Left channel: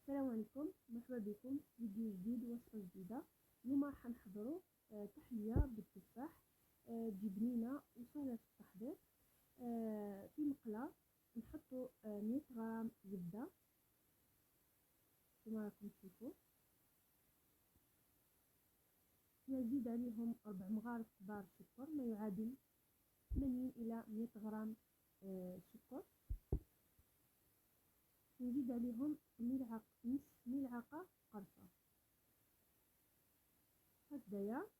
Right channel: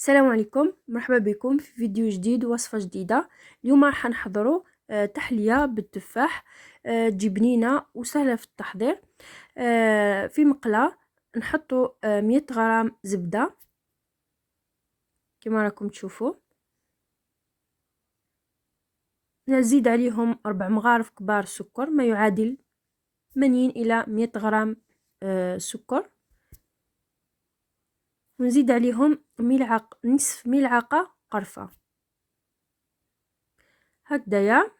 السلام عليكم، مرحبا بكم في فيديو جديد ووصفة جديدة. اليوم راح نحضروا تحلية بالتفاح. تجي بنينة وسهلة في التحضير. في مقلاة نحطوا 100 غرام زبدة كما راكم تشوفوا. نزيد عليهم 4 مغارف كبار سكر، ما يعادل 80 إلى 100 غرام سكر. ونزيد عليهم نصف ملعقة قرفة. هكذايا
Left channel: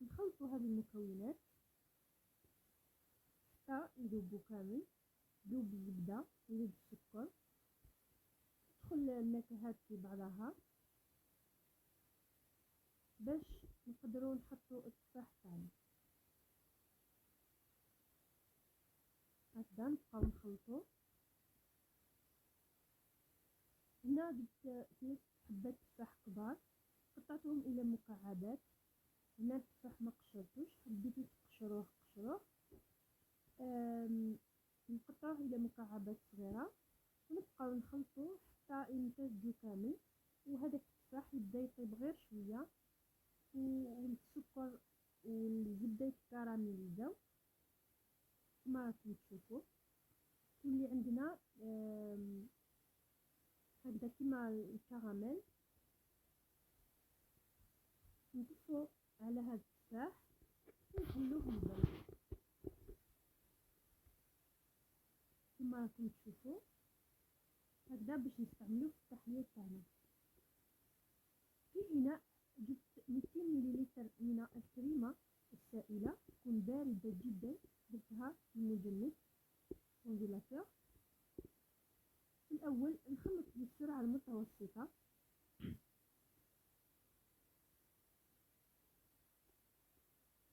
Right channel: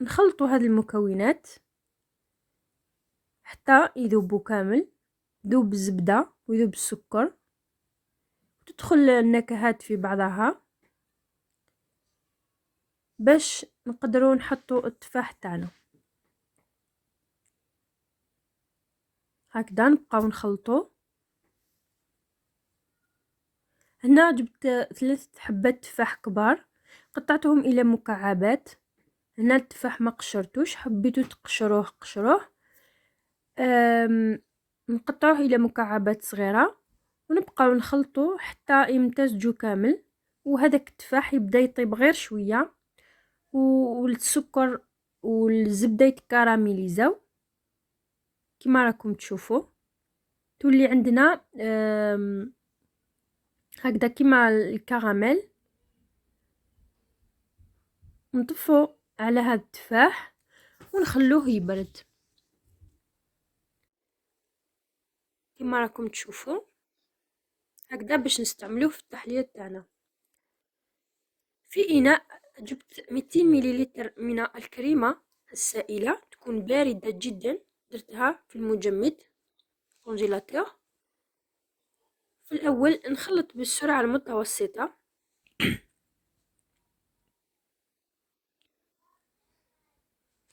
نخلطوا هذه المكونات حتى يذوبوا كامل، ذوب الزبدة ويذوب السكر، تدخل النكهات في بعضها باش نقدروا نحطوا التفاح تاعنا. هكذا نبقاو نخلطوا. هنا جبت 3 حبات تفاح كبار، قطعتهم الى مكعبات. هنا التفاح ما قشرتوش، حبيتو تقشروه قشروه. نقطعوه الى مكعبات صغيره ونبقاو نخلطوا حتى يمتزجوا كامل، وهذاك التفاح يبدا يطيب غير شويه والسكر والزبده يتكراميليزاو كما راكم تشوفوا. تولي عندنا هكذا كما الكراميل. نطفو على هذا التفاح ونخلوه يبرد كما راكم تشوفوا هكذا باش نستعملوه في التحليه تاعنا. في اناء جبت 200 مليلتر من الكريمه السائله، تكون بارده جدا، درتها في المجمد كونجيلاتور. في الاول نخلط بالسرعه المتوسطه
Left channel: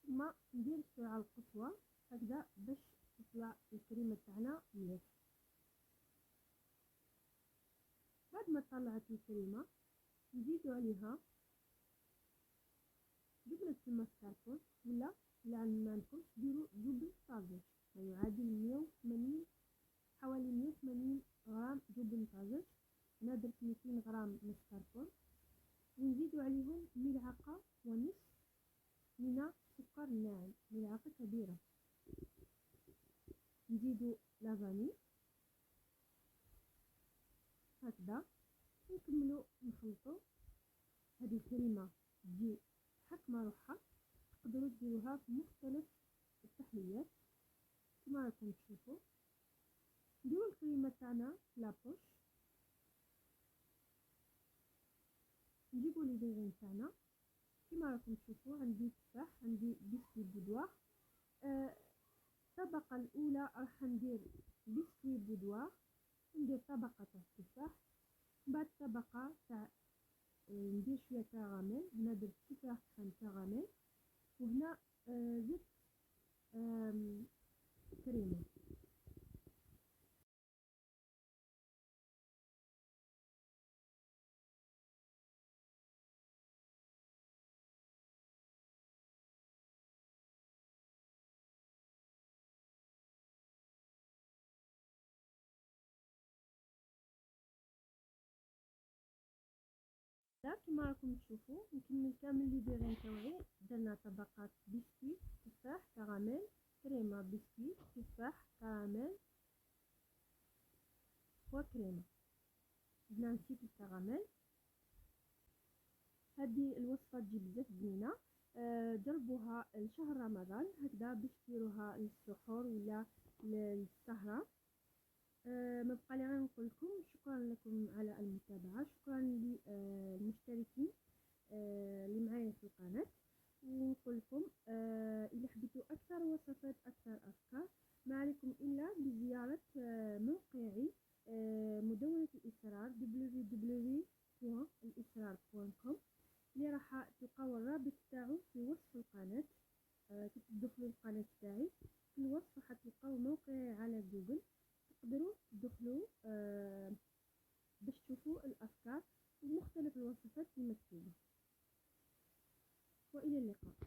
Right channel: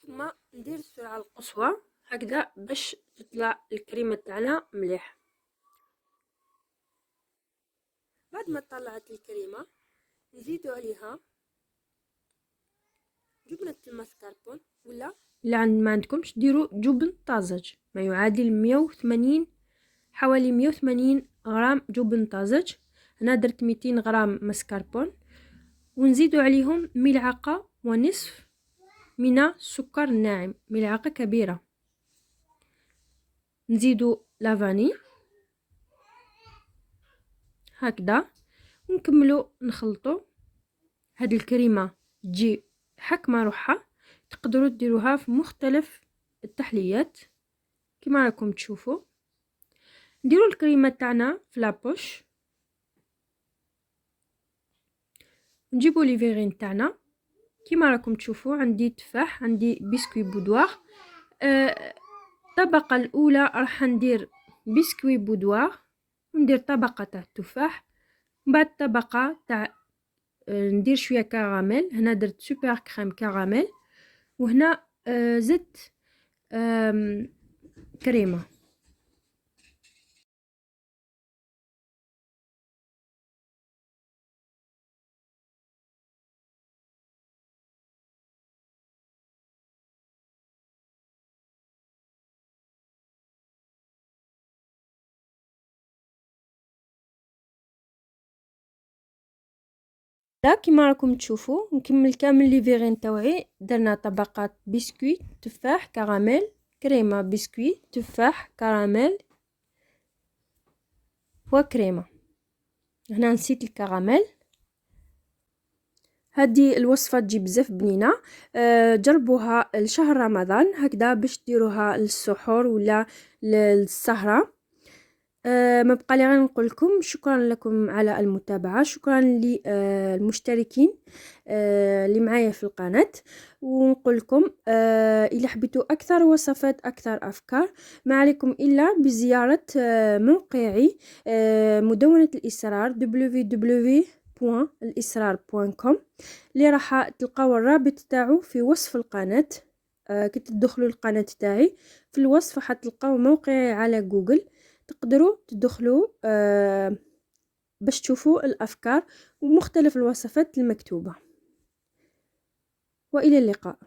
ثم ندير السرعه القصوى هكذا باش تطلع الكريمه تاعنا مليح. بعد ما طلعت الكريمه نزيدو عليها جبنه الماسكربون، ولا ما عندكمش ديروا جبن طازج ما يعادل 180 حوالي 180 غرام جبن طازج. انا درت 200 غرام ماسكربون. ونزيدو عليهم ملعقه ونصف من السكر الناعم، ملعقه كبيره. نزيدو لافاني هكذا ونكملوا نخلطوا. هاد الكريمه تجي حكمه روحها، تقدروا ديروها في مختلف التحليات كما راكم تشوفوا. نديروا الكريمه تاعنا في لابوش، نجيبوا لي فيغين تاعنا كما راكم تشوفوا. عندي تفاح، عندي بسكوي بودوار. الطبقه الاولى راح ندير بسكوي بودوار وندير طبقه تاع التفاح، بعد طبقه تاع ندير شويه كراميل. هنا درت سوبر كريم كراميل، وهنا زدت كريمه. لا كما راكم تشوفوا نكمل كامل لي فيغين تاوعي. درنا طبقات بسكويت تفاح كراميل، كريمه بسكويت تفاح كراميل وكريمه. هنا نسيت الكراميل. هذه الوصفه تجي بزاف بنينه. جربوها لشهر رمضان هكذا باش ديروها للسحور ولا للسهره. ما بقى لي غير نقول لكم شكرا لكم على المتابعه، شكرا للمشتركين اللي معايا في القناه. ونقول لكم الا حبيتوا اكثر وصفات اكثر افكار ما عليكم الا بزياره موقعي مدونه الاسرار www.الاسرار.com اللي راح تلقاو الرابط تاعو في وصف القناه. كي تدخلوا القناه تاعي في الوصف حتلقاو موقعي على جوجل، تقدروا تدخلوا باش تشوفوا الافكار ومختلف الوصفات المكتوبه. والى اللقاء.